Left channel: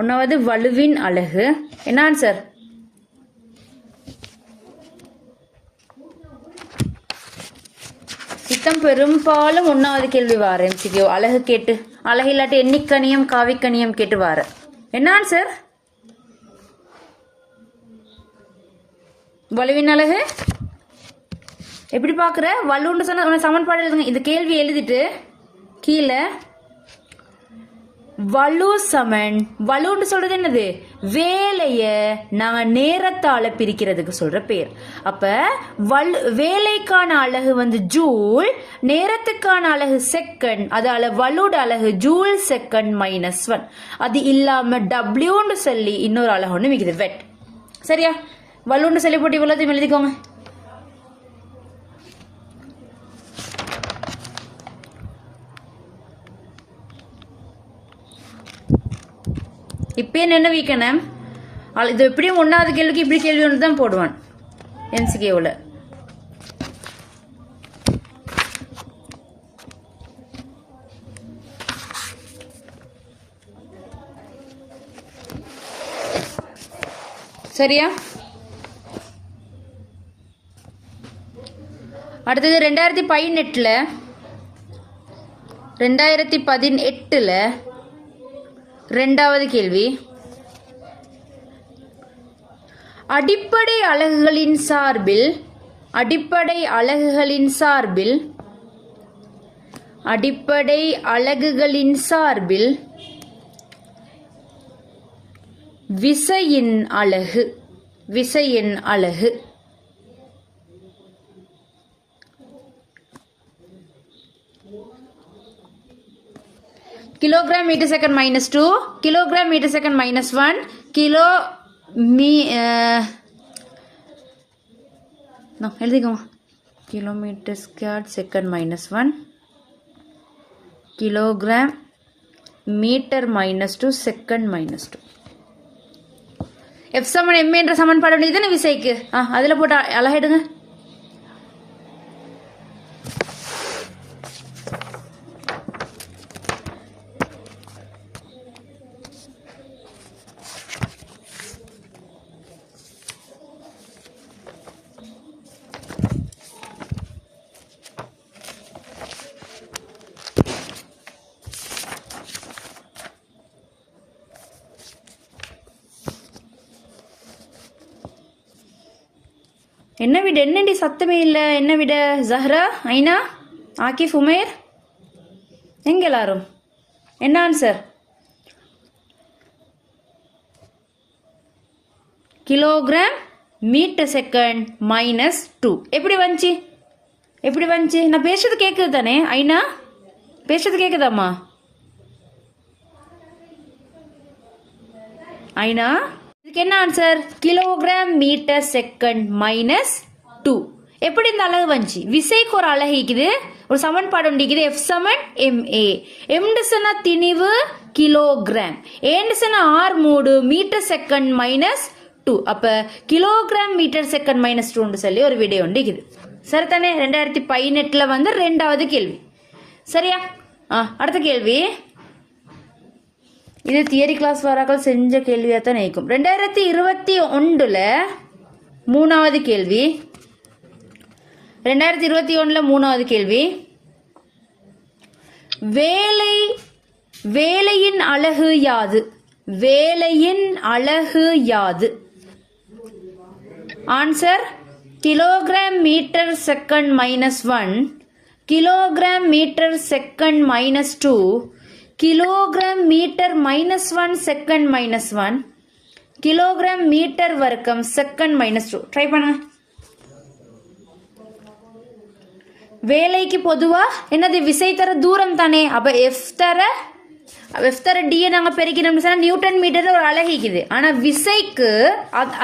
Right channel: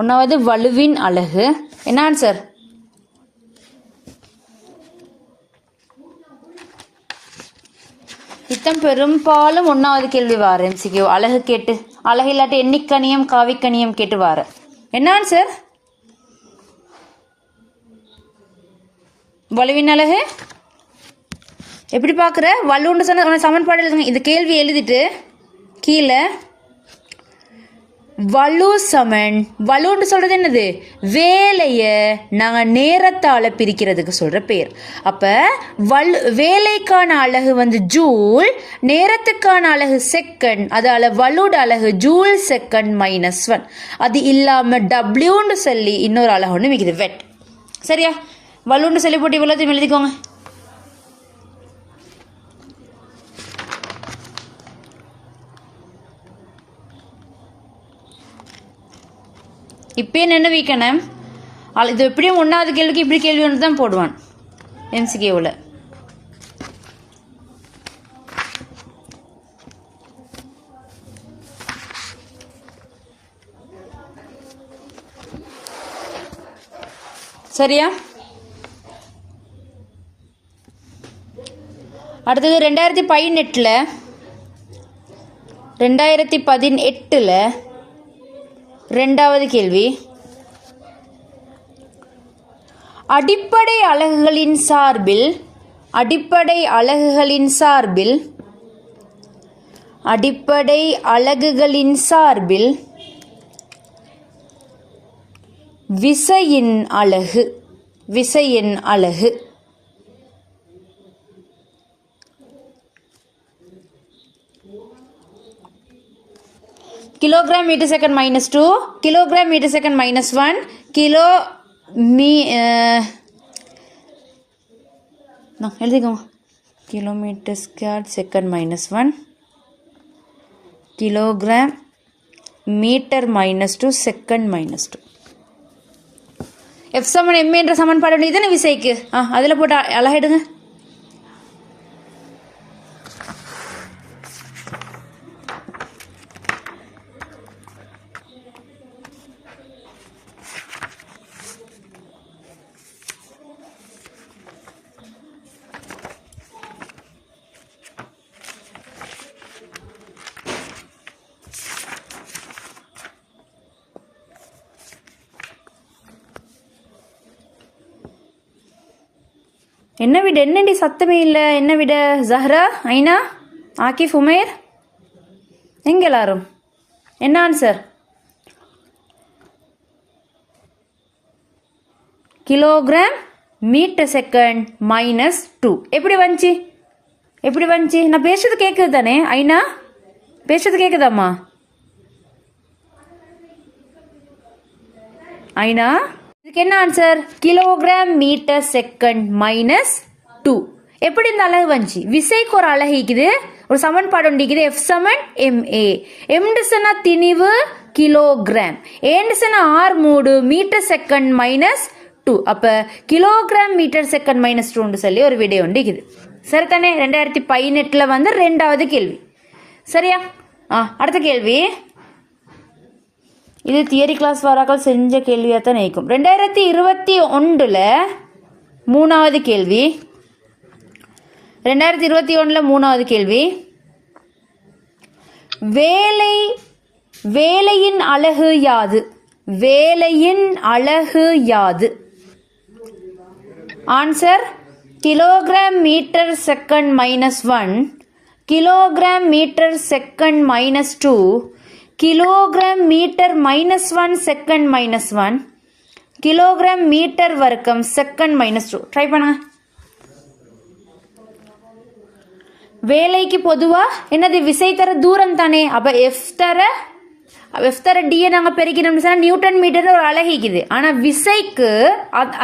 ஒன்றாவது வலுவின் அலகு. என்ன ஆன்சர்? இத்தம் பெரும்பாலும் 1வது கேள்வி வார எம்சிக்யூ அலகு கேட்டு, அலகு இல்லாட்டி எண்ணிக்கணியம் காவிக்கணியம் கேட்டு வார. என்ன ஆன்சர்? வலுவின் அலகு எப்படி பார்க்குற? வலுன்னு சொன்ன சமன்பாடு எழுதுங்க. இந்த கேள்வி எழுதிட்டு கீழே வலு சமன், வலுன்னு சொல்றது என்னது? வேலையை நாங்கள் நேரத்தால் பிரிக்கிறதுக்கு சொல்ற பேர். அப்ப வேலைக்கான அலகு வந்து ஜூல், நேரத்துக்கான அலகு செகண்ட். அதால வலுட அலகு ஜூல் செகண்ட் -1. அது இல்லாம டபிள்யூன்னு சொல்லி இன்னொரு அலகு ஒன்று மிகுது, வெட். சரியா? வலுன்னு சொல்லி போட்டு இவ்வளோத்தையும் எழுதிக்கோங்க. இப்போ என்ன வைக்கணும்? இது எப்படியும் 1வது கேள்விக்கு இப்படி கேள்வி ஒன்று தான் போடுவான் எம்சிகேவில். சரியா? அடுத்தது 2018 2வது கேள்வி. அடிப்படை அலகுகளின் சார்பில் விசையின் அலகு kilogram metre second -2, kilogram metre second -1, எழுதிக்கோங்க. Kilometre square second -1, kilogram metre -2 second -2. F சமன் m என்ற சமன்பாடு இதுன்னு விசைக்கு அதில் போட்டு அழகிடுங்க. என்ன விட? என்னடி சத்தமே இல்லை? என்ன விட? ஜஹ்ரா, ஐனா, ஆகிஃப், உமேர், எங்க எல்லாரும்? என்ன ஆன்சர்? Kilogram metre second -2. எப்படி வந்துச்சு? நான் பேசுறது கேட்குது தானே? ஐனா பேசுறது கேட்குதாம்மா? ஐனா, இதுக்கு என்ன ஆன்சர்? Kilogram metre second -2. எப்படி இந்த அலகு வந்துச்சு? விசைக்கு ஒரு அலகு இருக்குது, ஒரு சமன்பாடு உண்டிக்குது. F சமன் ma. m திணிவு கிலோகிராம், r3 மீட்டர் செகண்ட் -2. அப்ப கிலோகிராம் மீட்டர் செகண்ட் -2 சொல்லி ஒரு விடை உண்டிக்குது. சரிதானே? 2018 வந்து 2வது கேள்வி. சரியா? அடுத்த கேள்வி. இது தியரி கிளாஸ் வாராக்கள் செஞ்ச கேள்வியாக தான் நினைக்கும். 2021 3வது கேள்வி. 2021 3வது கேள்வி. வேலையின் அலகு யாது? Answer kilogram metre second -1, kilogram metre second -2, kilogram metre -1 second -1, kilogram metre வர்க்கம் செகண்ட் -2. ட்ரை பண்ணுங்க. வேலைக்கு பொதுவா என்னது? விசை தர தூரம் தானே. அப்ப F தர D நாங்க பெருக்கணும்னு சொன்னா நியூட்டன் மீட்டர் ஒரு அலகிக்குது. ஆனா விசைக்கு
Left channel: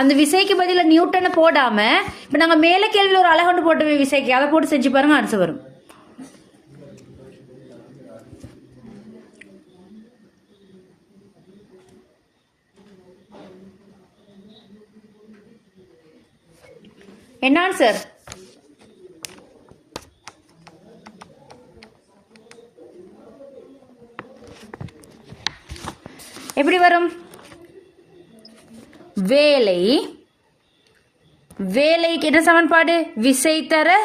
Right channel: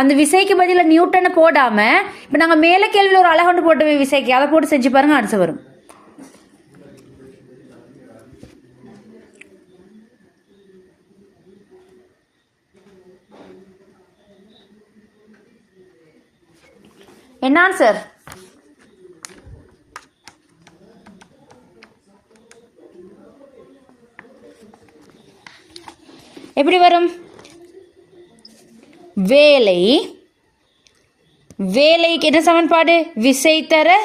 அந்த விசைக்கு பதில நியூட்டனை போடாம இப்ப நாங்க மேல கேள்வியில் ஒரு அலகு போட்டு விசைக்கு அதை போட்டு செஞ்சு பாருங்க, ஆன்சர் வரும். என்ன ஆன்சர்? எப்படி வரும்? வேலை, வேலைக்கு என்ன சமன்பாடு? விசை தர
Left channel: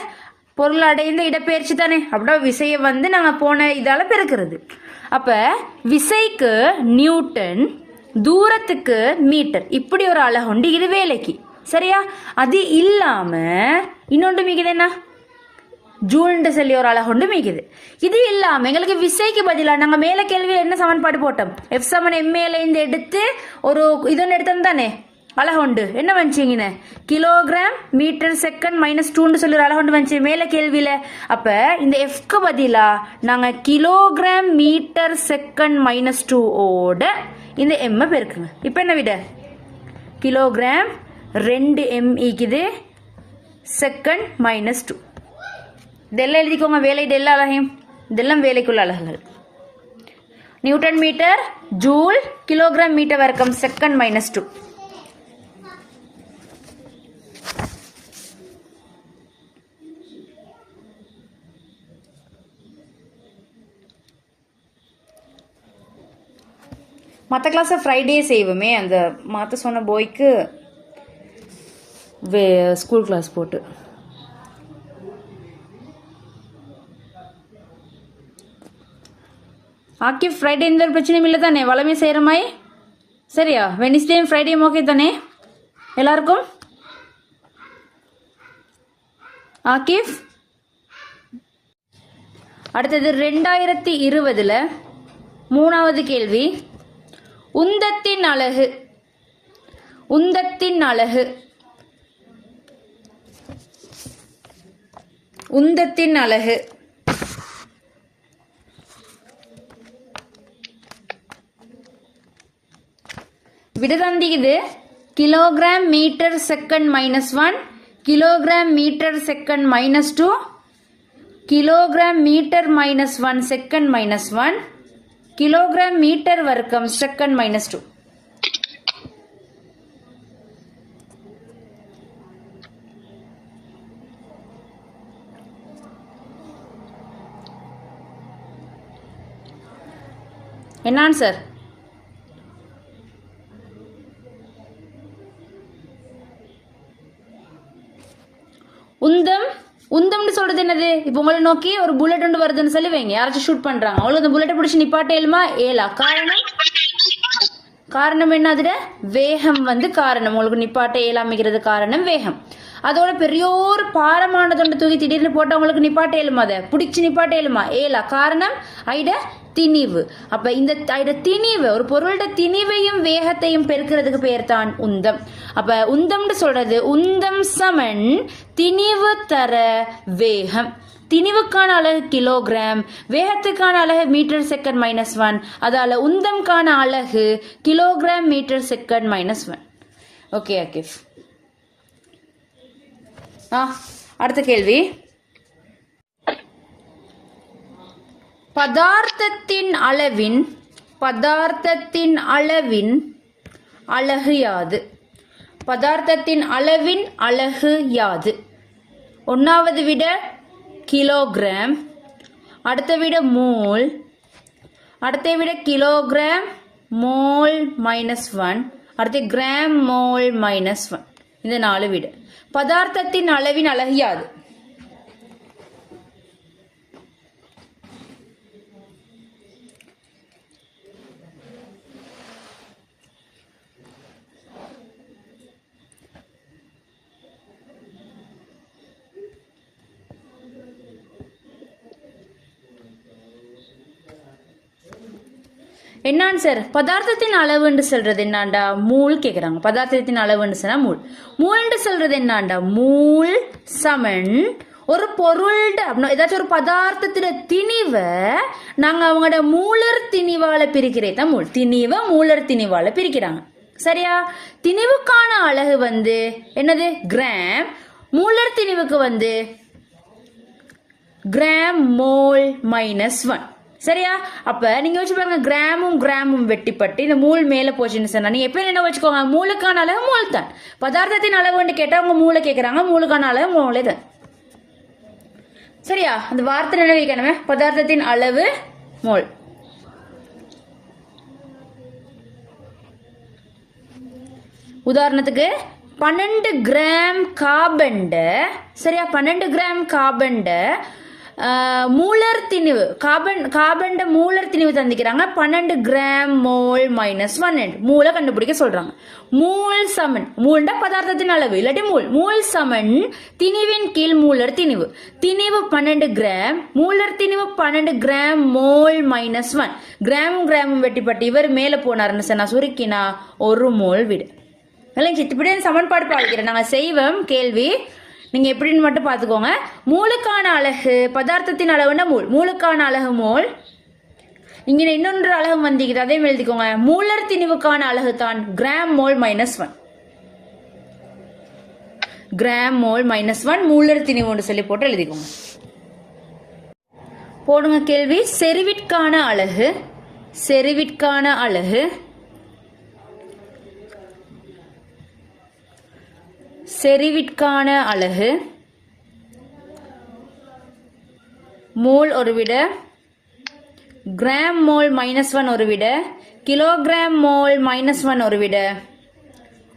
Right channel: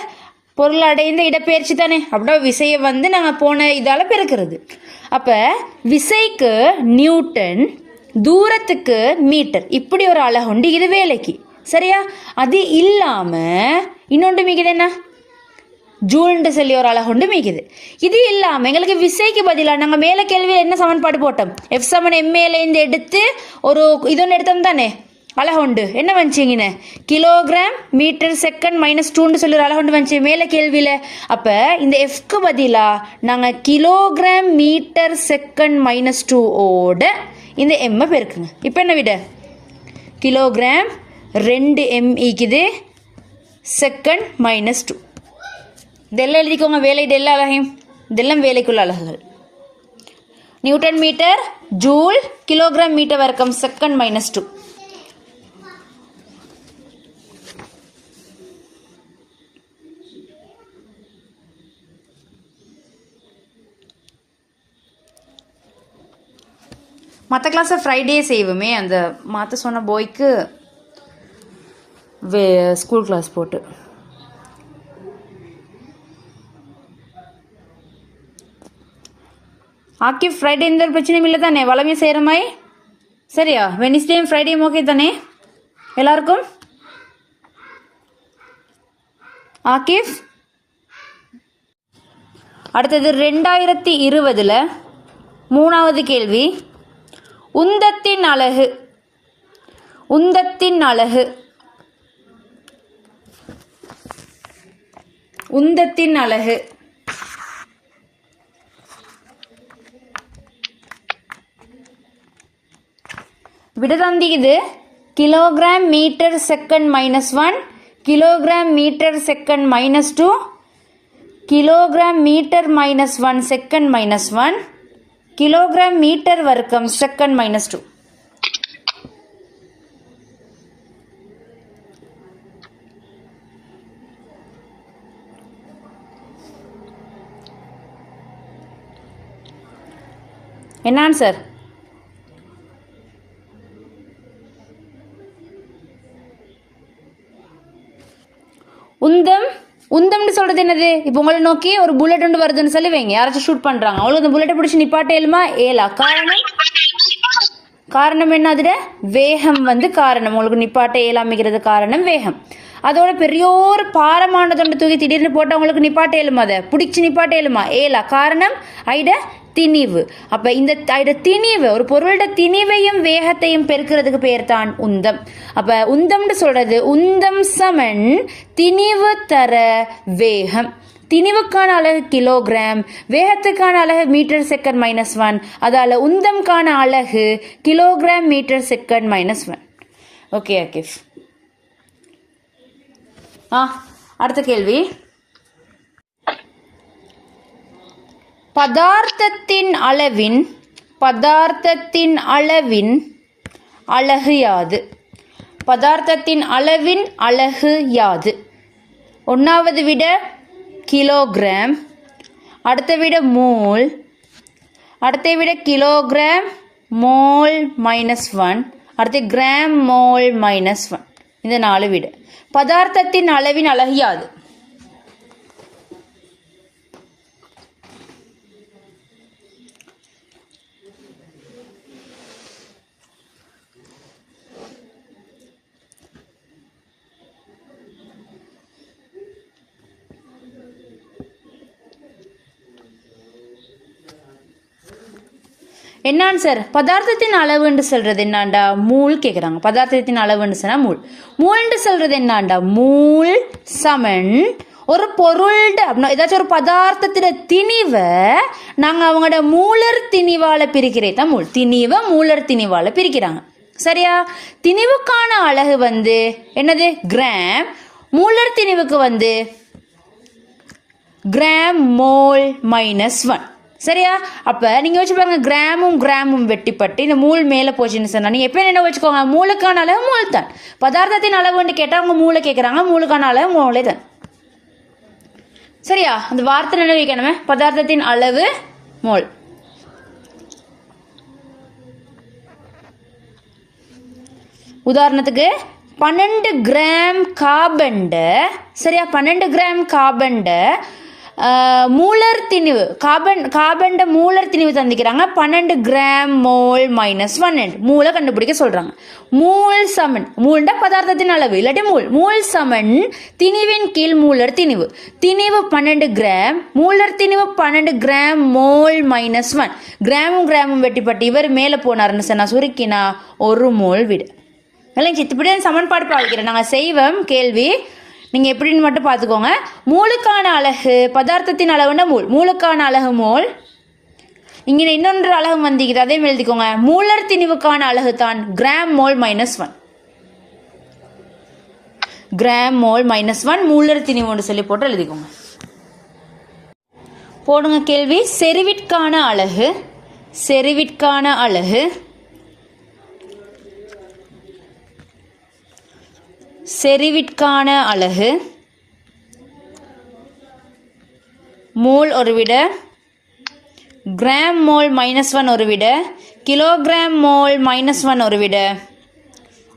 பொருள் அடைந்த இடப்பெயர்ச்சி தானே. அப்படின்னா விசையை வந்து நாங்கள் போன இதால் பெருக்கிறது. அப்போ விசைக்கு நியூட்டன், தூரத்துக்கு மீட்டர், இப்படி ஒரு அலகு உண்டு இது வேலைக்கு. சரியா? அது இல்லாமல் இன்னொன்று மிகுது என்ன? ஜூல்னு சொல்லி ஒரு அலகு உண்டு மிகுது. இது இல்லாமல் எங்களுக்கு விசைக்கு பதிலாக நாங்கள் மேலே கேள்வியில் என்ன சமன்பாடு போட்டோம்? எஃப் சமன் எம்ஏலேருந்து எடுத்து ஒரு இதொன்று எடுத்தோம் தானே, அலகு உண்டு. என்ன வந்துச்சிங்கன்னு? கிலோகிராம் மீட்டர் செகண்ட் -2 சொல்லி ஒரு அலகு உண்டு வந்துச்சு மேலே கேள்வியில். அப்போ இந்த எஃப்க்கு பதிலாக நாங்கள் கிலோகிராம் மீட்டர் செகண்ட் -2 ஓட இந்த எம்மை பெருக்குங்க. இப்போ என்ன விட? கிலோகிராம் 2 எம் ஈக்குது செகண்ட் -2. இதெல்லாம் எழுதிக்கோங்க, வேலையிட எல்லா அலகையும். இதெல்லாம் வேலைக்குள்ள அலகுகள். Newton metre, joule, kilogram metre வர்க்கம் செகண்ட் -2. மற்ற கிளாஸை ஃப்ரைடே செய்வோமே, அந்த மாற்ற சொன்ன போய்க்கு ஸ்கூல் கிளாஸ் போட்டு. ஆக்கிப் ஃப்ரைடே எந்த ஒரு பிரச்சனையும் இல்லை தானே? வளமே செய்கிற மாதிரி. சரியா? வெனிஸ்டேயும் ஃப்ரைடேயும் ஓகே தானே எல்லாருக்கும்? ஆக்கிப், அடுத்தது 2020 3வது கேள்வி. உந்தத்தின் அலகு, உந்தத்தின் அலகு, உந்தத்தின் அலகு விடதந்திக்குது kilogram metre second -1, kilogram metre second -2, kilogram metre -1 second -1, kilogram metre வர்க்கம் செகண்ட் -2. என்ன ஆன்சர்? உந்தம், உந்தம்னு சொல்றது என்னது? இப்போ உங்களை நோக்கி ஒரு புல்லட் ஒன்று வருதுன்னு சொல்லி வைங்க, யாராச்சும் ஷூட் பண்றாங்க, அவங்களுக்கு அந்த புல்லட்டை பிடிச்சி நிப்பாட்ட ஏழுமா? ஏலா. காரணம், காரணம் என்ன? அதுல வேகம் வந்து காரணம். உங்களுக்கு நிப்பாட்ட ஏலாமிக்கிறது காரணம் வேகம். அதோட பெரியோர் பாரமானதொண்டு தூக்கி திடீர்னு போட்டு அவங்களுக்கு நிப்பாட்ட ஏழுமா? அதை பிடிச்சி நிப்பாட்ட ஏழுமா? ஏலா. காரணம் ஐட திணிவு. அப்ப இந்த திணிவு, ஒரு பொருளோட திணிவையும் வேகத்தையும் பெருக்கிறதுக்கு பேர் தான் உந்தம். அப்ப உந்தம்னு சொல்றது உந்தம் சமன் திணிவு தர வேகம். திணிவுக்கான அலகு கிலோகிராம், வேகத்துக்கான அலகு மீட்டர் செகண்ட் -1, அதால உந்தம்கான அலகு கிலோகிராம் மீட்டர் செகண்ட் -1. ஓகே அகிஃப். அடுத்த கேள்வி. பதார்த்தத்தின் அளவின், பதார்த்தத்தின் அளவின் அலகு யாது? பதார்த்தத்தின் அளவின் அலகு யாது? ஒன்றாவது விட கிலோகிராம், அடுத்த விட மோல், அடுத்த விட கிலோகிராம் மோல் -1, அடுத்து கிராம் மோல் -1. இந்த 4 விட பதார்த்தத்தின் அளவின் அலகு யாது? என்ன ஆன்சர்? பதார்த்தத்தின் அளவுன்னு சொல்றது என்னண்டா? மூல் கேட்குறாங்க. பதார்த்தத்தின் அளவுன்னு சொன்னா மூல். மூல்ன்னு சொல்றது என்னண்டா? மூல் சமன் ஒரு பொருள் அப்படின்னா ஏதாச்சும் ஒரு பதார்த்தத்தின திணிவை நாங்கள் அவங்களோட மூலர் திணிவால பிரிக்கிறதா மூல். திணிவை மூலர் திணிவால பிரிக்கிறாங்க. சரியா? திணிவுக்கான அலகு வந்து என்னது? கிராம். மூலர் திணிவுக்கு வந்து கிராம் மோல் -1. சரியா? அப்ப நீங்க வச்சு பாருங்க, கிராமும் கிராமும் வெட்டிப்பட்டு இந்த மூல் மேல போச்சுன்னு சொன்னா நீங்க எப்ப என்ன வச்சுக்கோங்க? மூலுக்கான அளவு மூல் தான். பதார்த்தத்தின் அளவுன்னு கேட்டா அவங்க மூளை கேட்கறாங்க, மூலுக்கான அளவு மூளை தான். சரியா? அந்த வார்த்தை என்ன வைக்கணுமே? பதார்த்தத்தின் அளவு மோல். உதாரணத்துக்கு 12 கிராம் கார்பன்ட சரியா 12 கிராம் கார்பன்ட மூலர் திணிவு கார்பன்ட மூலர் திணிவு தந்திக்கிறாங்க 12 கிராம் மோல் மைனஸ் 1 மூலை கண்டுபிடிக்க சொல்றாங்க. மூல் சமன் மூல்ட பதார்த்தத்தின் அளவு இல்லாட்டி மூல் சமன் திணிவின் கீழ் மூலர் திணிவு 12 கிராம் மூலர் திணிவு 12 கிராம் மோல் மைனஸ் 1 கிராமும் வெட்டிப்பட்டு இவர் மேலே போனாருன்னு சொன்னா சுருக்கினா 1 மோல் விடு. இப்படி சமன்பாடு பாதிக்கிறேன் நாங்கள் செய்வோம் கேள்வி நீங்கள் எப்படின்னு மட்டும் பார்த்துக்கோங்க. மூலுக்கான அலகு பதார்த்தத்தின் அளவுன்னா மூலுக்கான அலகு மோல். இங்கே இன்னொன்று அலகு வந்திக்குது அதே எழுதிக்கோங்க. மூலர் திணிவுக்கான அலகு தான் gram mole minus 1 gram mole minus 1 மூலர் திணிவுன்னு சொல்லி போட்டு எழுதிக்கோங்க. போடுங்க கேள்வி. செறிவிற்கான அலகு செறிவிற்கான அலகு மோல் ஒரு விட கிராம் மோல் மைனஸ் 1 ஒரு விட கிலோகிராம் மோல் மைனஸ் 1 ஒரு விட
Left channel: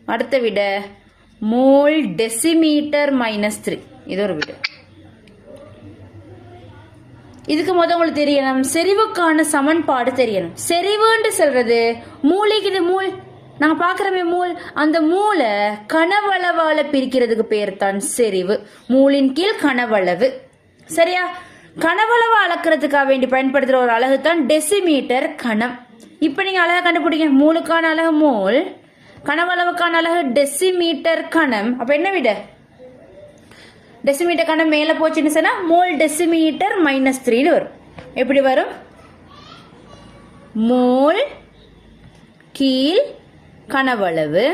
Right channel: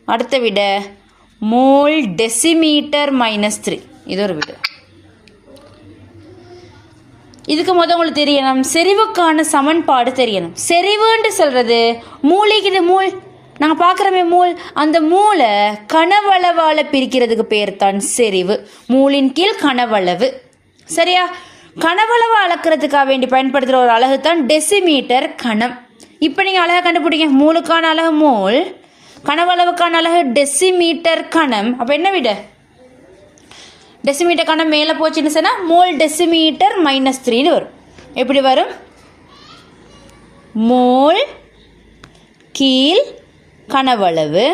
அடுத்த விட மோல் டெசிமீட்டர் மைனஸ் 3 இது ஒரு விட. இதுக்கு முதல் உங்களுக்கு தெரியணும் செறிவுக்கான சமன்பாடு தெரியணும். செறிவுன்னு சொல்றது மூலிக்கு மூல் நாங்கள் பார்க்குறோமே மூல் அந்த மூளை கனவளவால் பிரிக்கிறதுக்கு பேர் தான் செறிவு. மூலின் கீழ் கனவளவு சரியா. கனவளவு அளக்கிறதுக்காக வேண்டி பயன்படுத்துகிற ஒரு அலகு தான் டெசிமீட்டர் கணம். இப்போ நீங்கள் அழகாக கண்டுபிடிங்க. மூலுக்கான அலகு மூல் கனவளவுக்கான அலகு டெசிமீட்டர் கணம். அப்போ என்ன விட டெசிமீட்டர் கணம் மேலே போச்சுன்னு சொன்னால் மோல் டெசிமீட்டர் மைனஸ் 3 வரும். எப்படி வரும்? மோல் கீழ் கனவளவு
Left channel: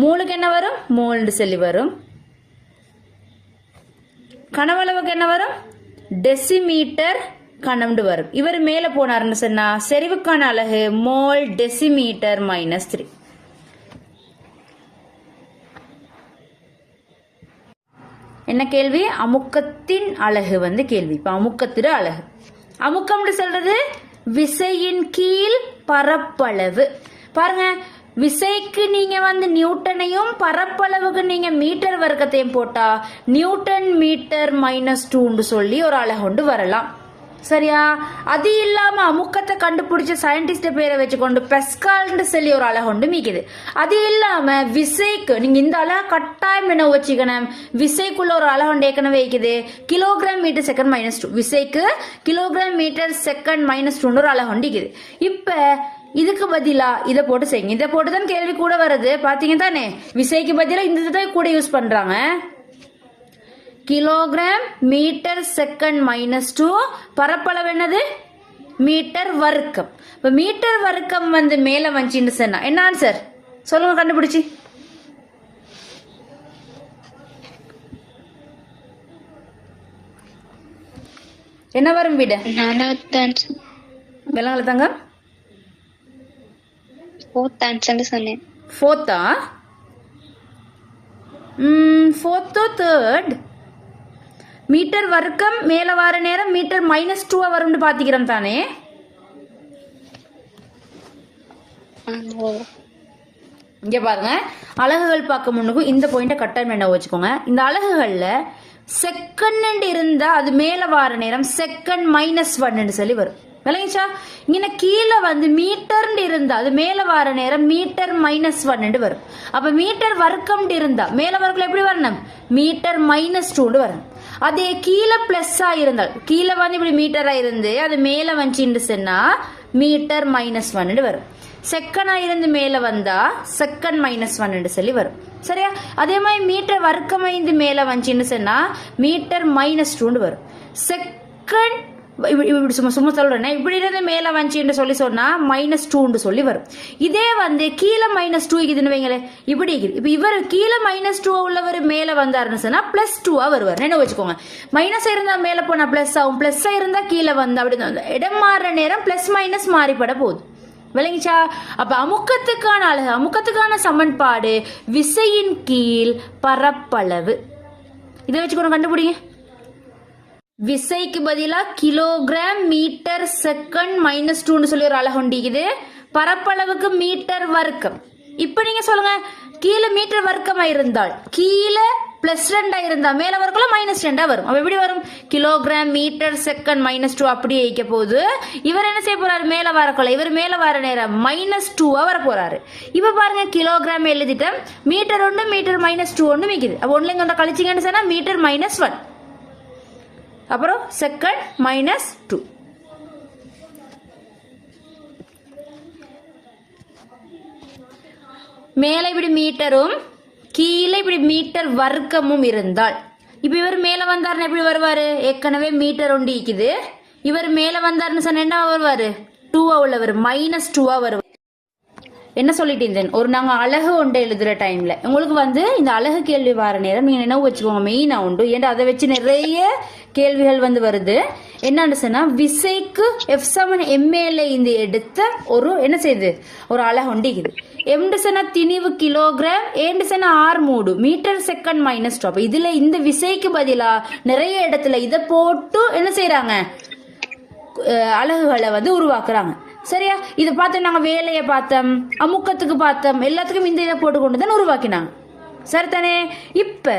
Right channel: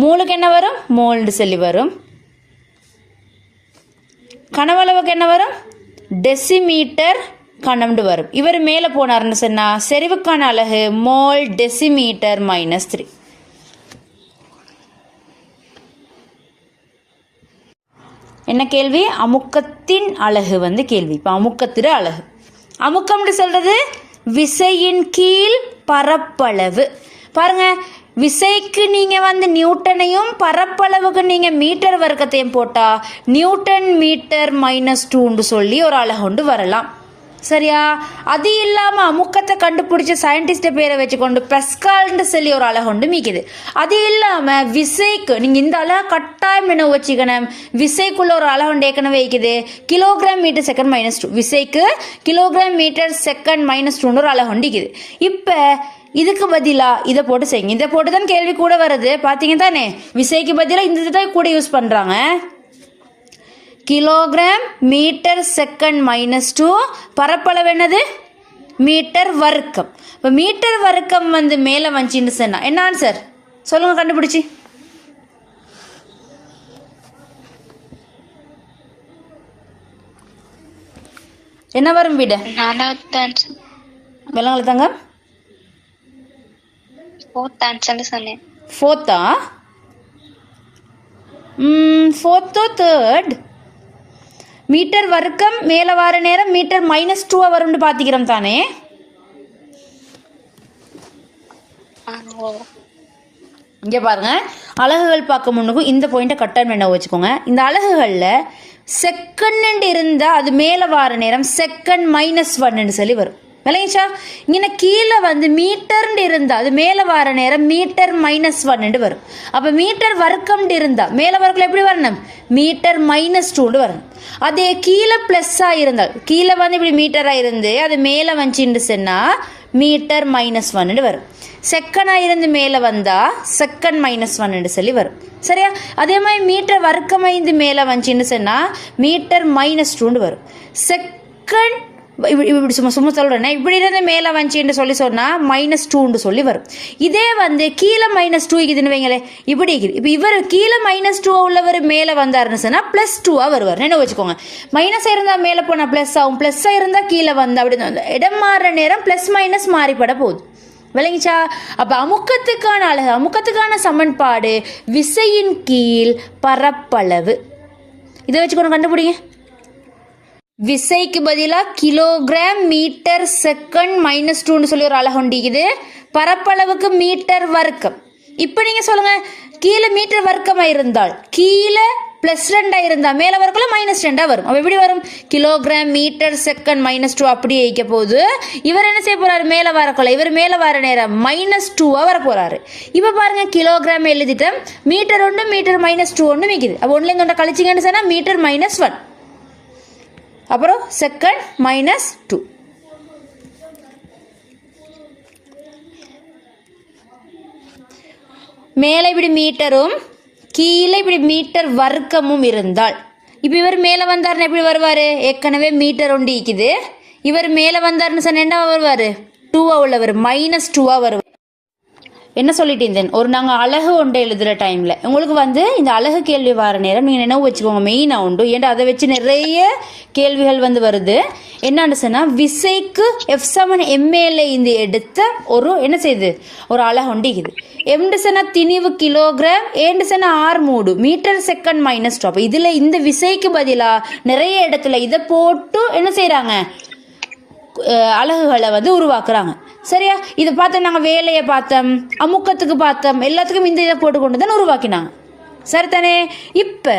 மூலுக்கு என்ன வரும்? மோல்னு சொல்லி வரும். கனவளவுக்கு என்ன வரும்? டெசிமீட்டர் கணம்னு வரும். இவர் மேலே போனார்னு சொன்னா செறிவுக்கான அலகு மோல் டெசிமீட்டர் மைனஸ் 3. என்ன கேள்வி? அமுக்கத்தின் அலகு கேள்வி. இப்போ அமுக்கத்தின் அலகு அமுக்கம்னு சொல்றது விசையின் கீழ் பரப்பளவு. பாருங்க விசைக்கு நீங்க நியூட்டனையும் பரப்பளவுக்கு நீங்க மீட்டர் வர்க்கத்தையும் போட்டா நியூட்டன் மீட்டர் மைனஸ் 2 சொல்லி ஒரு அலகு வரலாம் சரியா. அது இல்லாம அமுக்கத்தை கண்டுபிடிச்ச சயின்டிஸ்ட் பேரை வச்சுக்கொண்டு பெஸ்கால்னு சொல்லி ஒரு அலகு மீக்குது. அது இல்லாம விசைக்கு நீங்க இந்த அலகு கட்டாயம் என்ன வச்சுக்கணும். விசைக்குள்ள ஒரு அலகு ஏற்கனவே வைக்குது கிலோகிராம் மீட்டர் செகண்ட் மைனஸ் 2 விசைக்கு கிலோகிராம் மீட்டர் செகண்ட் மைனஸ் 2 ஒரு அலகு இருக்குது. இப்ப இதுக்கு பதிலா இதை போட்டு செய்யுங்க. இதை போட்டு தான் கேள்வி கூட வருது பாத்தீங்க தானே. விசைக்கு பதிலாக இந்த தான் கூட யூஸ் பண்றாங்க. கிலோகிராம் மீட்டர் செகண்ட் மைனஸ் 2 பரப்பளவு என்னது? மீட்டர் வர்க்கம். இப்போ மீட்டர் வர்க்கம் மேலே வந்துச்சின்னு சொன்னா என்ன ஆன்சர் சொல்லுங்க கண்டுபிடிச்சி. என்ன வரும் விட? வெள்ளங்களை தாங்க ஃபோர்த்தா தேர்ட் மீட்டர் வர்க்கம் மேல வார நேரம் மீட்டர் மைனஸ் 2 வரும்னு பாத்திக்கிறோம் தானே. இங்க பாருங்க அலகுகள் பார்க்க முன்னுக்கும் இந்த பாயிண்ட கட்டாயம் என்ன வச்சுக்கோங்க. இந்த அலகுகள்ல செகண்ட் இருந்தா அது மேல வார நேரம் செகண்ட் மைனஸ் 1 சொல்லி வரும். விளங்கிச்சா? இங்கே கீழே மீட்டர் இருந்தா அது மேல வார நேரம் மீட்டர் மைனஸ் 1 வரும். அப்ப மீட்டர் வர்க்கம் இருந்தா மேல வர்க்கம் எப்படி வரணும்? மீட்டர் மைனஸ் 2 வரணும். அதே கீழே பிளஸ்ஸா இருந்தால் கீழே இப்படி மீட்டரா இருந்து அது மேல வந்துச்சுன்னு சொன்னா மீட்டர் மைனஸ் 1 வரும். செகண்டா இருந்து மேல வந்தா செகண்ட் மைனஸ் 1 சொல்லி வரும் சரியா. அதே மாதிரி மீட்டர் வர்க்கம் மேல வந்துச்சுன்னு சொன்னா மீட்டர் மைனஸ் 2 வரும். செகண்ட் இப்படி சும்மா சொல்றேன். இப்படி இருந்து மேல வந்துச்சுன்னு சொல்லி சொன்னா மைனஸ் 2 சொல்லி வரும். இதே கீழே மைனஸ் 2 இருக்குதுன்னு வைங்களே இப்படி இருக்குது. இப்போ இவர் கீழே மைனஸ் 2 உள்ளவர் மேல வந்தாருன்னு சொன்னா பிளஸ் 2 வருவார். என்ன வச்சுக்கோங்க. மைனஸ் இருந்தா மேல போனா பிளஸ் ஆகும், பிளஸ் இருந்தா கீழே வந்தா அப்படி இடம் மாறுற நேரம் பிளஸ் மைனஸ் மாறிப்பட போகுது. விளங்கிச்சா? அப்ப அமுக்கத்துக்கான அலகு அமுக்கத்துக்கான சமன்பாடு விசையின் கீழ் பரப்பளவு. இதை வச்சுக்கணும் கண்டுபிடிங்க. விசைக்கு பதிலாக கிலோகிராம் மீட்டர் செகண்ட் மைனஸ் 2 சொல்லி ஒரு அலகு உண்டிக்குது. பரப்பளவுக்கு மீட்டர் வர்க்கம் இப்போ நீங்கள் சொல்லுங்கள், கீழே மீட்டர் வர்க்கமாக இருந்தால் கீழே +2 இருந்தால் மேலே வரக்குள்ள -2 வரும். அப்போ எப்படி வரும்? கிலோகிராம் மீட்டர் செகண்ட் -2 அப்படியே வைக்க போகுது. இவர் என்ன செய்ய போறாரு? மேலே வரக்குள்ள இவர் மேலே வர நேரம் -2 வர போறாரு. இப்போ பாருங்க, கிலோகிராம் எழுதிட்டோம், மீட்டர் 1 மீட்டர் -2 ஒன்று மிக்குது. அப்போ ஒன்றுல இங்கே கழிச்சிங்கன்னு சொன்னால் மீட்டர் -1, அப்புறம் செகண்ட் -2. மேலே இப்படி மீட்டரும் கீழே இப்படி மீட்டர் வர்க்கமும் இருந்தால், இப்போ இவர் மேலே வந்தார்னு எப்படி வருவார்? ஏற்கனவே மீட்டர் ஒன்று இருக்குது. இவர் மேலே வந்தார்னு சொன்ன என்ன வருவார்? 2 உள்ளவர் -2 வருவார். என்ன சொல்லிட்டு இருந்தேன், ஒரு நாங்கள் அழகு ஒன்று எழுதுகிற டைமில் உங்களுக்கு இந்த அழகு கேள்வி வர நேரம் நீங்கள் நினைவு வச்சுக்கோங்க, மெயினாக உண்டு. ஏன்டா அதை வச்சு நிறைய கேள்விகள் வருது. என்னன்னு சொன்னால், விசைக்கு F7MAல இந்த எடுத்த ஒரு என்ன செய்யுது, ஒரு அழகு ஒண்டிக்குது. எம்டு சொன்னால் திணிவு கிலோகிராம், ஏண்டு சொன்னால் 6 மீட்டர் செகண்ட் -2. அப்போ இதில் இந்த விசைக்கு பதிலாக நிறைய இடத்துல இதை போட்டு என்ன செய்கிறாங்க, அலகுகளை உருவாக்குறாங்க. சரியா? இதை பார்த்தோம், நாங்கள் வேலையை பார்த்தோம், அமுக்கத்துக்கு பார்த்தோம், எல்லாத்துக்கும் இந்த இதை போட்டு கொண்டு தான் உருவாக்கினாங்க. சரிதானே? இப்போ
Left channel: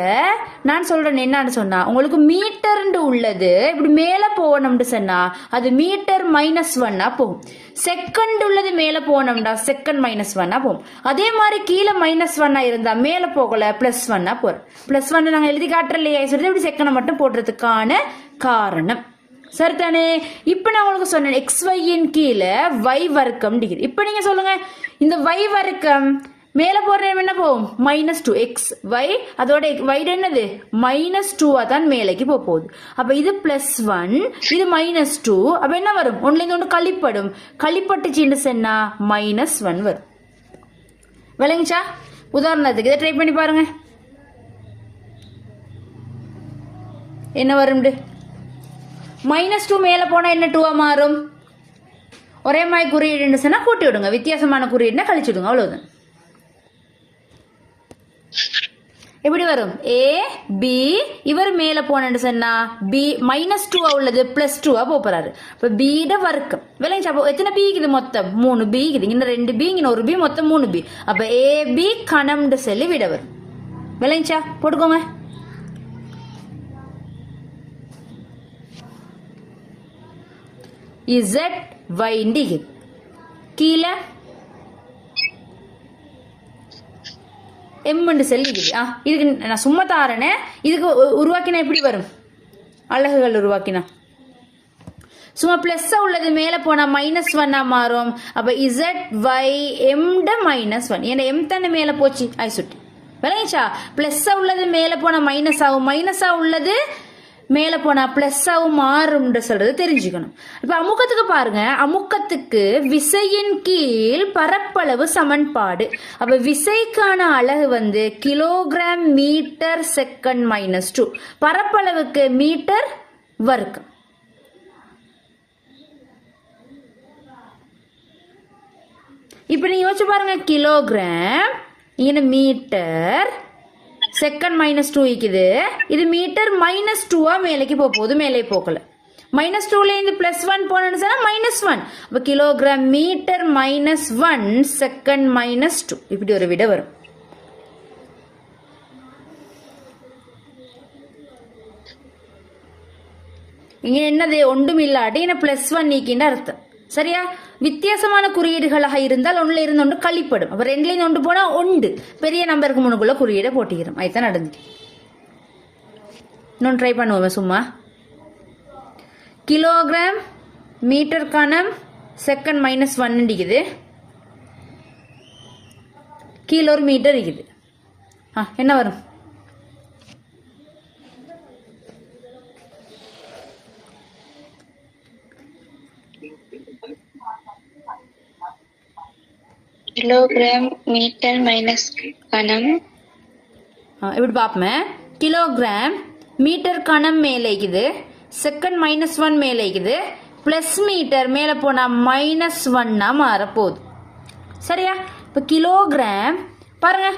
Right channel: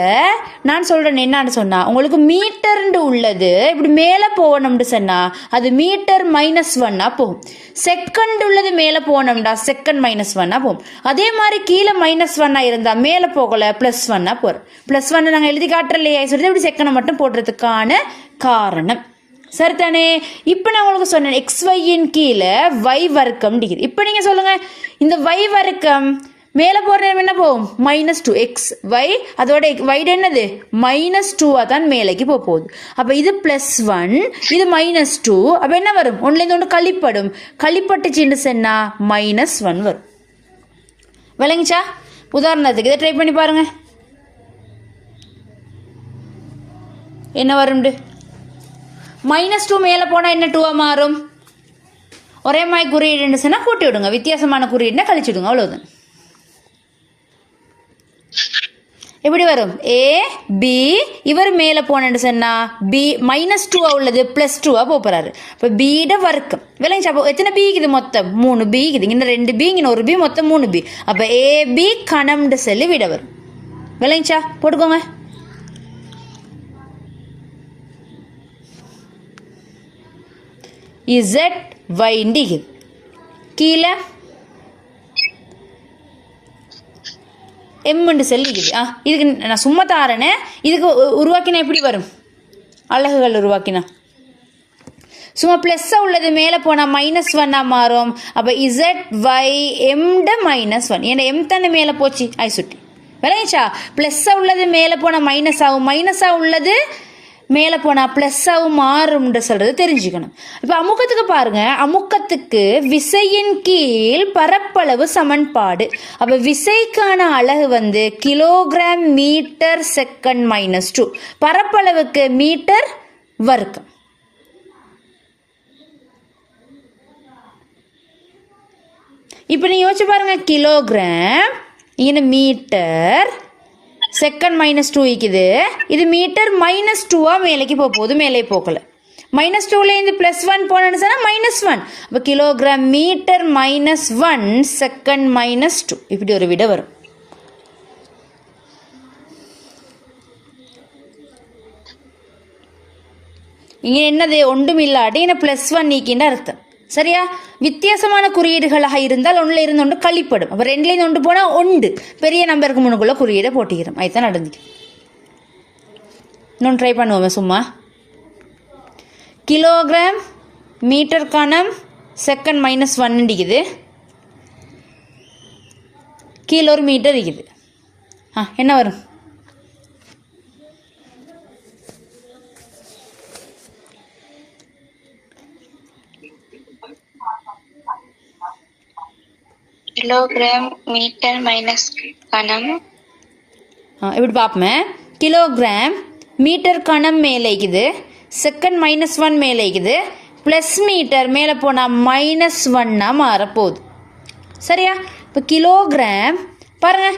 நான் சொல்கிறேன் என்னன்னு சொன்னால், உங்களுக்கு மீட்டர்ண்டு உள்ளது இப்படி மேலே போகணும்னு சொன்னால் அது மீட்டர் -1 போகும். செகண்ட் உள்ளது மேலே போகணும்டா செகண்ட் -1 போகும். அதே மாதிரி கீழே -1 இருந்தால் மேலே போகலை +1 போகிறோம். +1 நாங்கள் எழுதி காட்டுறலையே சொல்லிட்டு இப்படி செகண்டை மட்டும் போடுறதுக்கான காரணம். சரிதானே? இப்போ நான் உங்களுக்கு சொன்னேன், XYயின் கீழே Y வர்க்கம் டிகிரி. இப்போ நீங்கள் சொல்லுங்கள், இந்த Y வர்க்கம் மேலே போகிற என்ன போகும்? -2 XY, அதோட Y என்னது -2 தான் மேலேக்கு போகுது. அப்போ இது +1, இது -2. அப்போ என்ன வரும்? ஒன்றுலேருந்து ஒன்று கழிப்படும். கழிப்பட்டுச்சின்னு சொன்னால் -1 வரும். விளங்குச்சா? உதாரணத்துக்கு இதை ட்ரை பண்ணி பாருங்க, என்ன வரும்ண்டு. -2 மேலே போனால் என்ன 2 மாறும்? ஒரே மாதிரி குறியீடுன்னு சொன்னால் கூட்டி விடுங்க, வித்தியாசமான குறியீடுனா கழிச்சு விடுங்க, அவ்வளோதான். எப்படி வரும்? A B, இவர் மேலே போனேன்னு சொன்னால் B -2 உள்ளது +2 போகிறாரு. இப்போ B வர்க்கம் விளங்குச்சு. அப்போ எத்தனை B இருக்குது? மொத்தம் 3 B இருக்குது. இங்கே 2 B, இங்கே 1 B, மொத்தம் 3 B. அப்போ AB கணம்னு சொல்லி விட வரும். விளங்குச்சா? போட்டுக்கோங்க. ZY டிகிரி கீழே எம்முண்டு சொல்லிக்குது. இதுக்கு நான் சும்மா தாரேனே. இதுக்கு உருவாக்கினா எப்படி வரும்? அலகுகள் உருவாக்கினா சும்மா ப்ளஸ்ஸாக உள்ளது மேலே போனால் -1 மாறும். அப்போ ZY எம்ட -1, ஏன்னா எம் தானே மேலே போச்சு சுட்டி. விளையாச்சா? ப்ளஸ்ஸாக உள்ளது மேலே போனால் மைனஸ் ஆகும், மைனஸாக உள்ளது மேலே போனால் ப்ளஸ்ஸாகவும் மாறும்ன்ற சொல்கிறது தெரிஞ்சுக்கணும். இப்போ அமுக்கத்துக்கு பாருங்க, அமுக்கத்துக்கு விசையின் கீழ் பரப்பளவு சமன்பாடு. அப்போ விசைக்கான அலகு கிலோகிராம் மீட்டர் செகண்ட் -2, பரப்பளவுக்கு மீட்டர் வர்க்கம். இப்போ நீ யோசிச்சு பாருங்க, கிலோகிராம் இங்கே மீட்டர் செகண்ட் -2 இருக்குது. இது மீட்டர் -2 மேலேக்கு போகுது, மேலே போகல. -2லேருந்து +1 போனேன்னு சொன்னால் -1. அப்போ கிலோகிராம் மீட்டர் -1 செகண்ட் -2 இப்படி ஒரு விட வரும். இங்கே என்னது? ஒன்றும் இல்லாட்டி இங்கே +1 நீக்கின்ற அர்த்தம். சரியா? வித்தியாசமான குறியீடுகளாக இருந்தால் ஒன்றில் இருந்து ஒன்று கழிப்படும். அப்போ 2லேருந்து 1 போனால் 1 பெரிய நம்பருக்கு முன்னுக்குள்ள குறியீடை போட்டிக்கிறோம். அதுதான் நடந்துச்சு. இன்னொன்று ட்ரை பண்ணுவோம் சும்மா. கிலோகிராம் மீட்டர் கணம் செகண்ட் -1 இருக்குது, கீழே ஒரு மீட்டர் இருக்குது. என்ன வரும்? கிலோகிராம் மீட்டர் மைனஸ் கணம். இப்படி பார்ப்போமே, கிலோகிராம் மீட்டர் கணம் மேலே இருக்குது, செகண்ட் -1 மேலே இருக்குது, ப்ளஸ் மீட்டர் மேலே போனால் -1 மாறப்போகுது. சரியா? இப்போ கிலோகிராம் பாருங்க,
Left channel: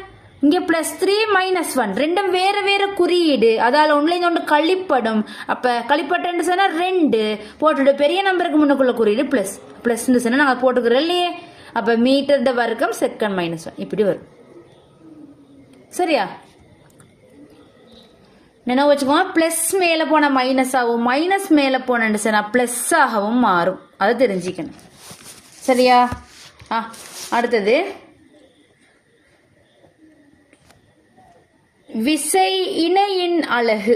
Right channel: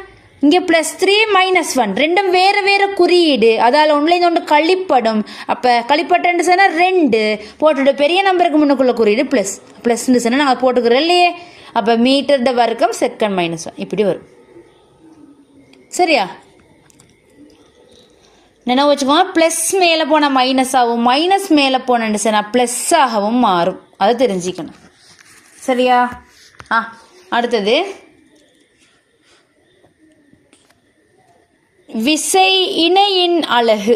இங்கே +3 -1 ரெண்டும் வேறு வேறு குறியீடு, அதால் ஒன்றுலேருந்து ஒன்று கழிப்படும். அப்போ கழிப்பட்டுன்னு சொன்னால் 2 போட்டுட்டு பெரிய நம்பருக்கு முன்னுக்குள்ள குறியீடு +ன்னு சொன்னால் நாங்கள் போட்டுக்கிறோம் இல்லையே. அப்போ மீட்டர்ட வர்க்கம் செகண்ட் -1 இப்படி வரும். சரியா? நினைவு வச்சுக்கோங்க, ப்ளஸ் மேலே போனால் மைனஸ் ஆகும், மைனஸ் மேலே போனேன்னு சொன்னால் ப்ளஸ் ஆகவும் மாறும். அதை தெரிஞ்சுக்கணும். சரியா? அடுத்தது விசை இணையின் அலகு.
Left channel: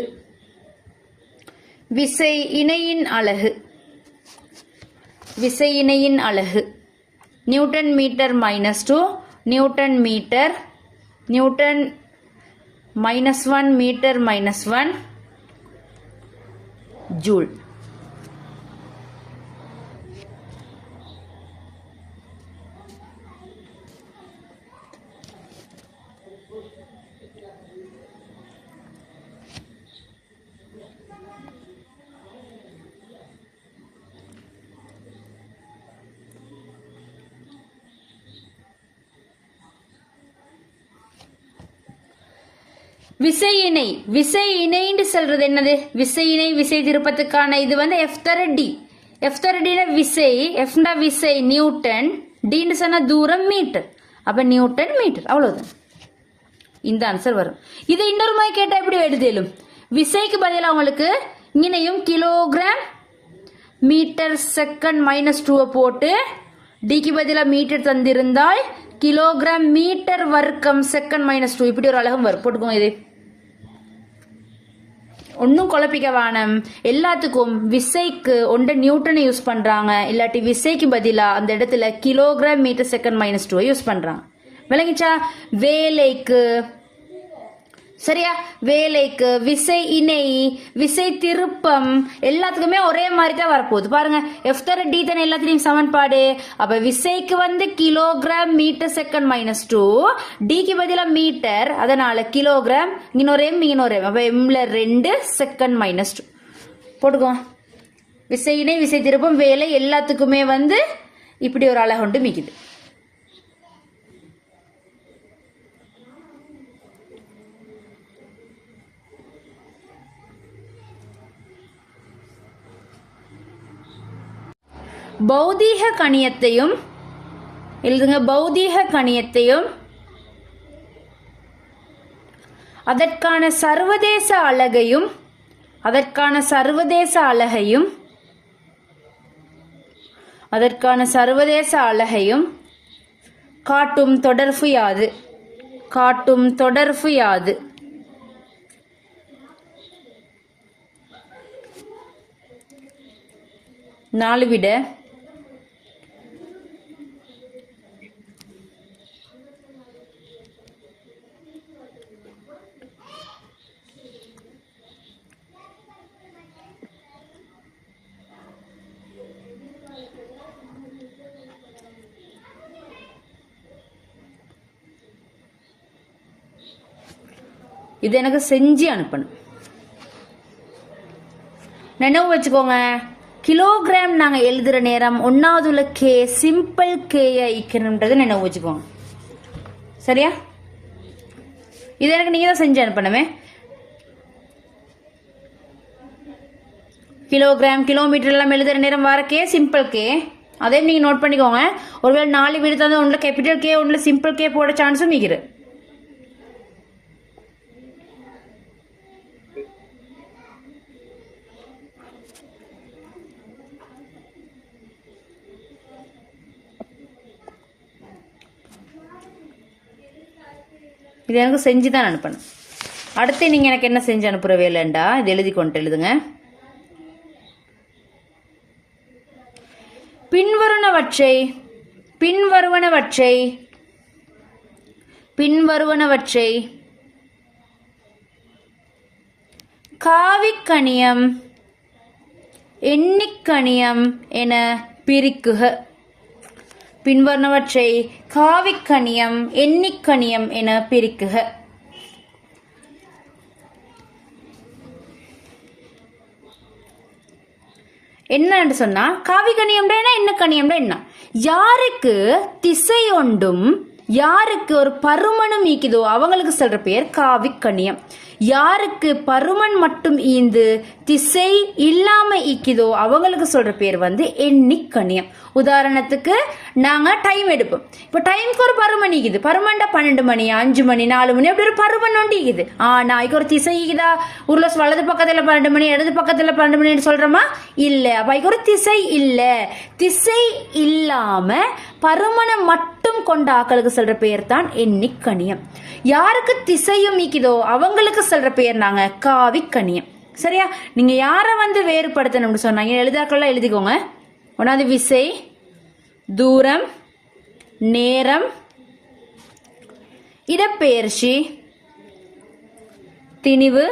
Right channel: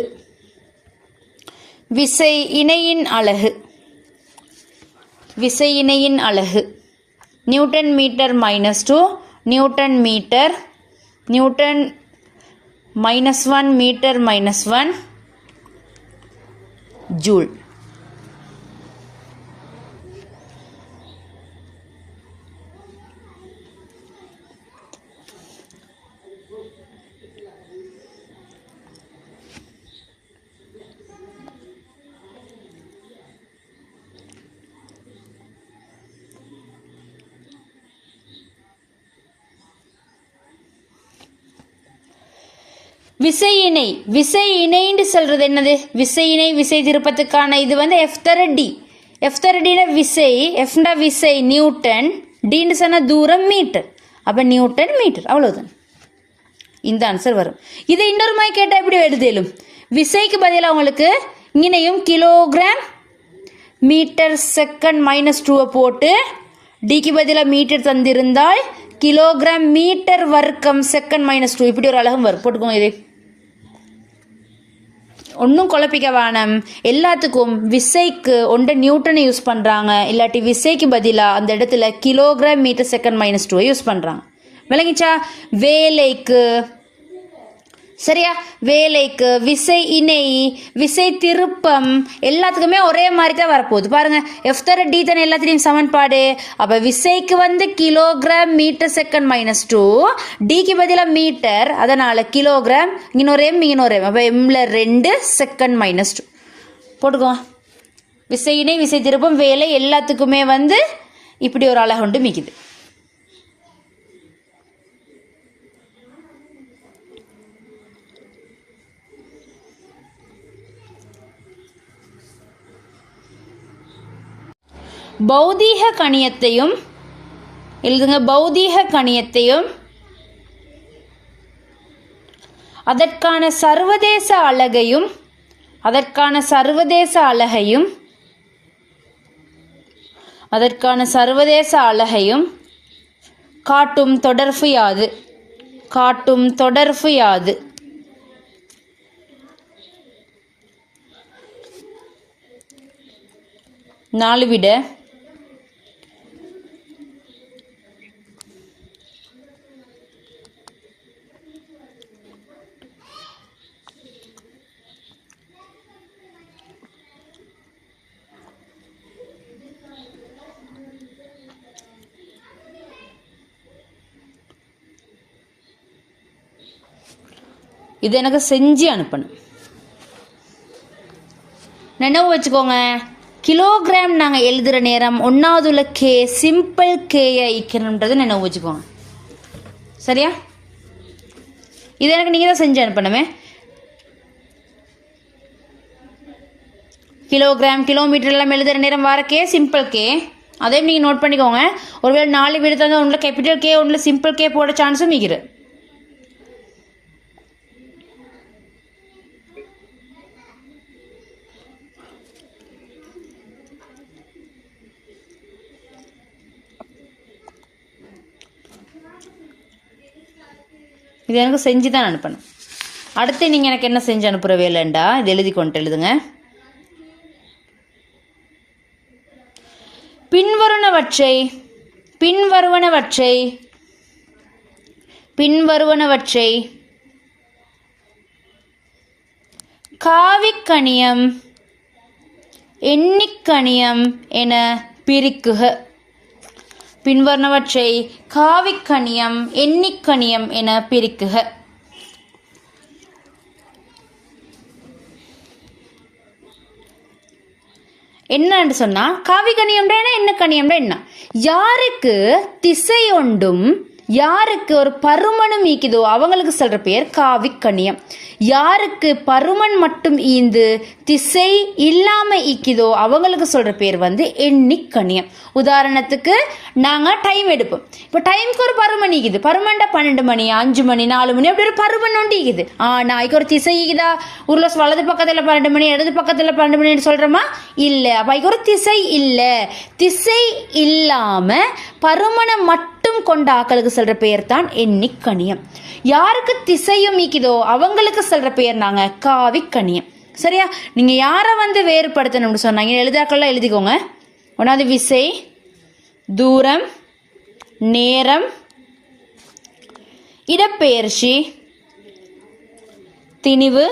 விசை இணையின் அலகு. விசை இணையின் அலகு newton metre -2, newton metre, newton -1 metre -1 joule. விசை இணை. விசை இணைன்னு சொல்றது என்னது? விசை இணை விசை திருப்பத்துக்கான இது வந்து F⁻D. F⁻Dல விசை, Fன்ற விசை நியூட்டன், Dன்னு சொன்ன தூரம் மீட்டர். அப்ப நியூட்டன் மீட்டர், அவ்வளவுதான். இந்த ஆன்சர் வரும். இதை இன்னொரு மாதிரி கேட்டால் எப்படி எழுதலும்? விசைக்கு பதிலாக உங்களுக்கு இங்கனையும் கிலோகிராம் மீட்டர் செகண்ட் -2 போட்டு டிக்கு பதிலாக மீட்டர் தந்திருந்தால் கிலோகிராம் மீட்டர் வர்க்கம் செகண்ட் -2 இப்படி ஒரு அழகும் வரும். போட்டுக்கோங்க. இது ஒன்றும் குழப்பிக்க வேணாம். எல்லாத்துக்கும் விசைக்கு ஒன்று நியூட்டனை யூஸ் பண்ணுறாங்க, இல்லாட்டி விசைக்கு பதிலாக அந்த இடத்துல கிலோகிராம் மீட்டர் செகண்ட் -2 யூஸ் பண்ணுறாங்க. விளங்கிச்சா? வேலைக்கு, சரியா? வேலைக்கு, விசை இணை, விசை திருப்பம் எல்லாத்துக்குமே ஒரே மாதிரி தான் வரப்போகுது. பாருங்க, F⁻D தானே எல்லாத்துலேயும் சமன்பாடு. அப்போ விசைக்கு வந்து கிலோகிராம் மீட்டர் செகண்ட் -2, டிக்கு பதிலாக மீட்டர், அதனால கிலோகிராம், இன்னொரு எம் இன்னொரு எம், அப்போ எம்ல 2 செகண்ட் -2 போட்டுக்கோ. விசை இணை விசை திருப்பம் வேலை எல்லாத்துக்குமே வந்து இப்படி ஒரு அழகு உண்டு மிக்குது. பௌதீக கணியத்தையும் எழுதுங்க. பௌதீக கணியத்தையும் அதற்கான சர்வதேச அலகையும், அதற்கான சர்வதேச அலகையும், அதற்கான சர்வதேச அலகையும் காட்டும் தொடர்பு யாது? காட்டும் தொடர்பு யாது? நாலு விட இது எனக்கு செஞ்சு அனுப்பணும். நினைவு வச்சுக்கோங்க, கிலோகிராம் நாங்கள் எழுதுகிற நேரம் ஒன்றாவதுள்ள கே சிம்பிள் கேயை ஈக்கணுன்றது நினைவு வச்சுக்கோங்க. சரியா? இது எனக்கு நீங்கள் தான் செஞ்சு அனுப்பணுமே. கிலோகிராம் கிலோமீட்டர் எல்லாம் எழுதுகிற நேரம் வர கே சிம்பிள் கே, அதையும் நீங்கள் நோட் பண்ணிக்கோங்க. ஒருவேளை 4 வீடு தான் ஒன்றில் கேபிட்டல் கே ஒன்றில் சிம்பிள் கே போட சான்ஸும் மிகுது. இது எனக்கு செஞ்சு தான் அனுப்பணும். அடுத்து நீங்கள் எனக்கு என்ன செஞ்சு அனுப்புகிற வேலைண்டா இது எழுதி கொண்டு எழுதுங்க. பின்வருவனவற்றை பின்வருவனவற்றை பின்வருவனவற்றை காவிக்கணியம் எண்ணிக்கணியம் என பிரிக்குக. பின்வருவனவற்றை காவிக்கணியம் எண்ணிக்கணியம் என பிரிக்குக. என்னன்னு சொன்னா காவிக்கணியம்னா என்ன, கணியம்னா என்ன? யாருக்கு திசை ஒன்றும் யாருக்கு ஒரு பருமனும் ஈக்குதோ அவங்களுக்கு சொல்ற பெயர் காவிக்கணியம். யாருக்கு பருமன் மட்டும் ஈந்து திசை இல்லாம ஈக்குதோ அவங்களுக்கு சொல்ற பேர் வந்து எண்ணிக்கணியம். உதாரணத்துக்கு நாங்க டைம் எடுப்போம். இப்போ டைமுக்கு ஒரு பருமன் ஈக்குது. பருமன்டா 12 மணி, 5 மணி, 4 மணி அப்படி ஒரு பருமன் ஒன்று ஈக்குது. ஆனா இதுக்கு ஒரு திசை ஈக்குதா? உருளை வலது பக்கத்துல 12 மணி, இடது பக்கத்துல 12 மணி சொல்றோமா? இல்ல. அப்ப இதுக்கு ஒரு திசை இல்ல. திசை இல்லாம பருமனை மட்டும் கொண்ட ஆக்களுக்கு சொல்ற பெயர் தான் எண்ணிக்கணியம். யாருக்கு திசையும் ஈக்குதோ அவங்களுக்கு சொல்ற பெயர் நாங்க காவிக்கணியம். சரியா? நீங்க யார வந்து வேறுபடுத்தணும்னு சொன்னாங்க எழுதாக்கள்லாம் எழுதிக்கோங்க. ஒன்னாவது விசை, தூரம், நேரம், இடப்பெயர்ச்சி, திணிவு,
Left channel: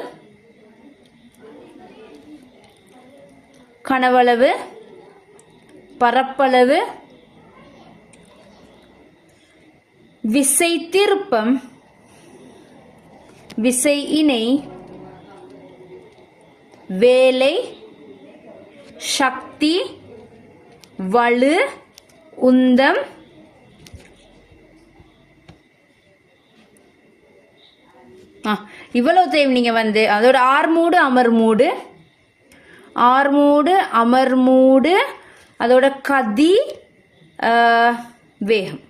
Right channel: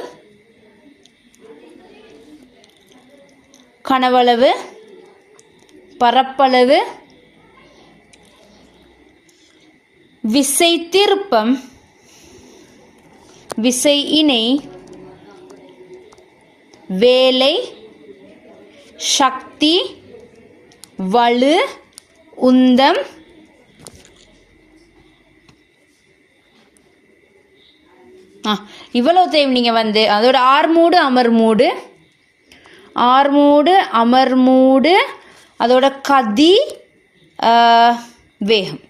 கனவளவு, பரப்பளவு, விசை திருப்பம், விசை இணை, வேலை, சக்தி, வலு, உந்தம், இவ்வளவுத்தையும் நீங்க வந்து அதோட ஆர்மூடு, அமர்மூடு, ஆர்மூடு, அமர்மூடு, அதோட கதி, வேகம்,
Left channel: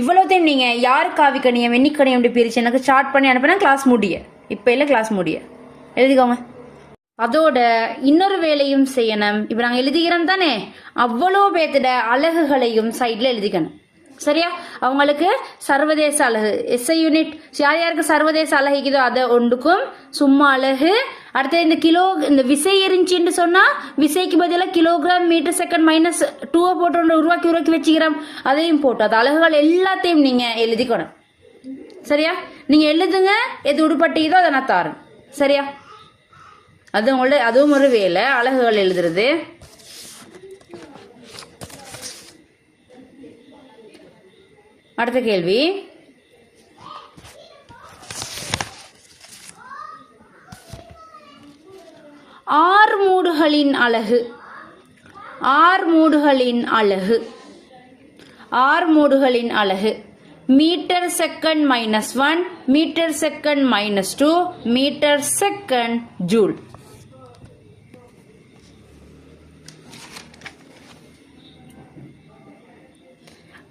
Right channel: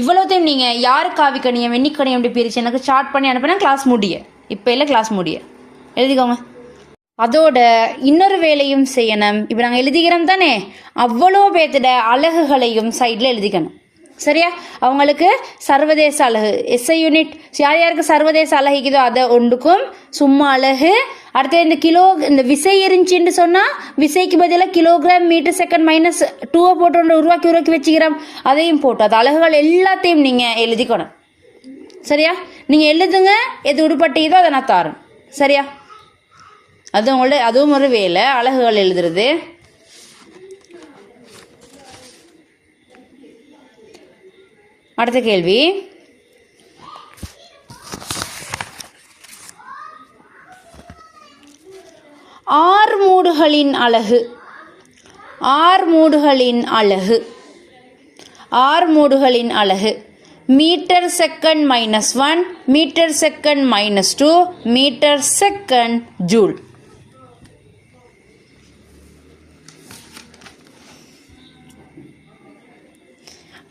இவ்வளவுத்தையும் நீங்க யார் காவிக்கணியம் எண்ணிக்கணியம் அப்படி பிரிச்சு எனக்கு சார்ட் பண்ணி அனுப்பினா கிளாஸ் முடிய. இப்ப இல்ல கிளாஸ் முடிய எழுதிக்கோங்க. அதோட இன்னொரு வேலையும் செய்யணும். இப்ப நாங்க எழுதிக்கிறோம் தானே, அவ்வளோ பேர்த்திட அலகுகளையும் சைட்ல எழுதிக்கணும். சரியா? அவங்களுக்கு சர்வதேச அலகு எஸ்ஐ யூனிட் யார் யாருக்கு சர்வதேச அலகிக்குதோ அதை ஒன்றுக்கும் சும்மா அலகு. அடுத்து இந்த கிலோ இந்த விசை இருந்துச்சுன்னு சொன்னா விசைக்கு பதிலாக கிலோகிராம் மீட்டர் செகண்ட் -2 போட்டு உருவாக்கி வச்சுக்கிறோம். அதையும் போட்டு அது அலகுகள் எல்லாத்தையும் நீங்க எழுதிக்கணும். சரியா? நீங்க எழுதுங்க, எது உடுப்பட்டீதோ அதை நான் தாரேன். சரியா? அது உங்களோட அதுவும் ஒரு வேலை, அலகுகள் எழுதுறது. அடுத்த கேள்வி, ஆர்மூடுகளின் அலகு. ஆர்மூடுகளின் அலகு, ஆர்மூடுகளின் அலகு metre second -1, metre second -2, metre second joule.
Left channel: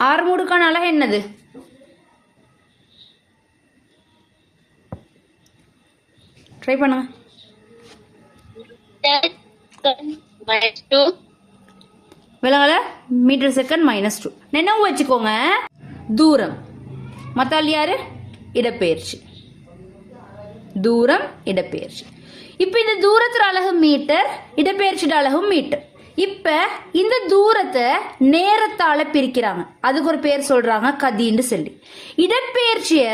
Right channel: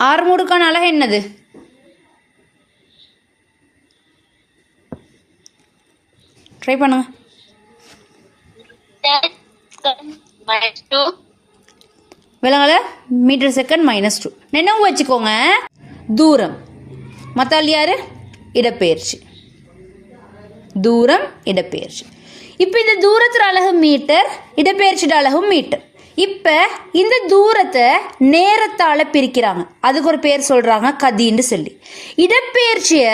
ஆர்மூடுக்கான அலகு என்னது? ட்ரை பண்ணுங்க. விலங்கல மீட்டர் செகண்ட் -2. நினைவு வச்சுக்கோங்க, தூரம். மத்தாள் யாரு? இடப்பெயர்ச்சி. தூரம், இடப்பெயர்ச்சி. இப்ப இந்த தூரத்துல அலகு மீட்டர், இடப்பெயர்ச்சியோட அலகும் மீட்டர். இப்ப இந்த தூரத்தை நேரத்தால பிரிக்கிறாங்க, அதுக்கு ஒரு பேர் சொல்றாங்க கதின்னு சொல்லி. இடப்பெயர்ச்சிய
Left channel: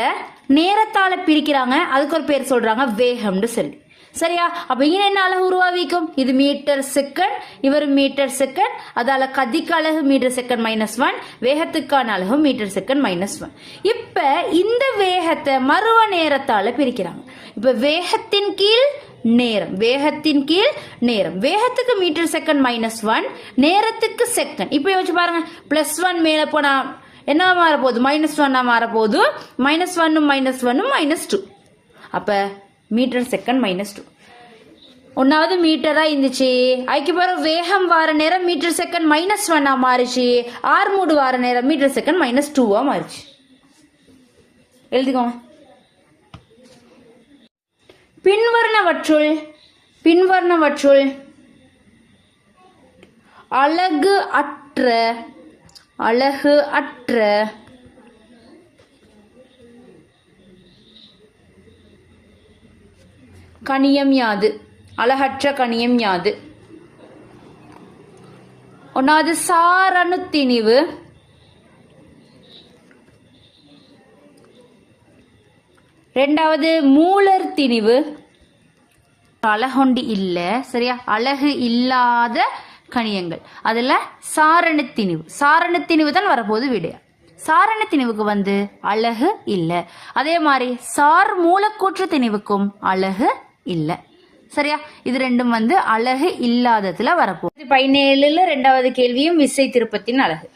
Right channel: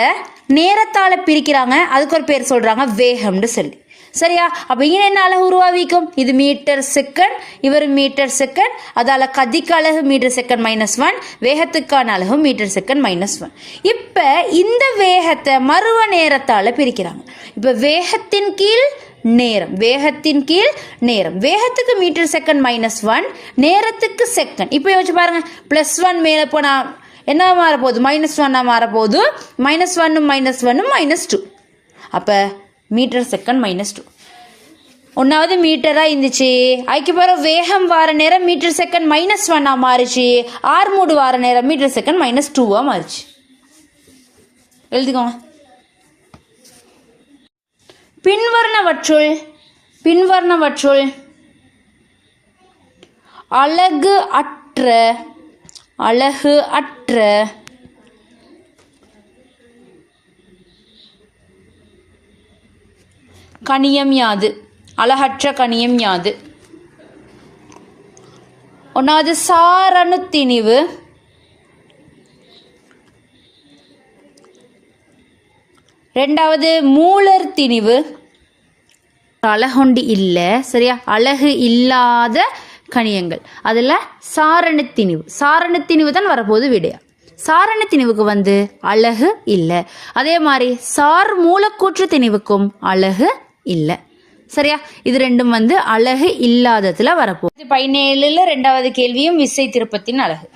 நேரத்தால பிரிக்கிறாங்க, அதுக்கு ஒரு பேர் சொல்றாங்க வேகம்னு சொல்லி. சரியா? அப்ப இங்க என்ன அலகு உருவாவிக்கும்? இது மீட்டர் செகண்ட், இவர் மீட்டர் செகண்ட். அதால கதிக்கு அலகு மீட்டர் செகண்ட் -1, வேகத்துக்கான அலகு மீட்டர் செகண்ட் -1. இப்ப இந்த வேகத்தை மருவ நேரத்தால பிரிக்கிறாங்க. இப்ப வேகத்தின் கீழ் நேரம், வேகத்தின் கீழ் நேரம். வேகத்துக்கு மீட்டர் செகண்ட் -1, நேரத்துக்கு செகண்ட். இப்ப யோசிச்சு பாருங்க, +1 மேல போனா என்ன மாறப்போகுது? -1 மாறப்போகுது. -1 -2. அப்ப மீட்டர் செகண்ட் -2. ஒன்னாவது மீட்டரா இருந்துச்சு, அதுக்கு பிறகு வேகம் வார நேரம் மீட்டர் செகண்ட் -1 மாறிச்சு. ஆர்மூடு வார நேரம் மீட்டர் செகண்ட் -2 மாறிச்சு. எழுதிக்கோங்க. பின்வருணவற்றுள் அலகு அற்ற கணியம் யாது? அலகற்ற கணியம் யாது? ஒன்னாவது சாரணு திணிவு, ரெண்டாவது மூலர் திணிவு. அலகுண்டி இல்ல. சரியா? அலகு இல்லாத கணியங்கள் அதுல சாரண திணிவு. சாரண திணிவு தான் வரப்போகுது விடையா. சாரண திணிவுக்கு வந்து அலகு இல்ல. அதே மாதிரி சார் மூலக்கூற்று திணிவுக்கும் அலகு இல்ல. சரியா? இது ரெண்டும் வந்து அலகு இல்லாததுல வரப்போகுது. 17ல 2வது கேள்வியும் விசை திருப்பத்தின் அலகு.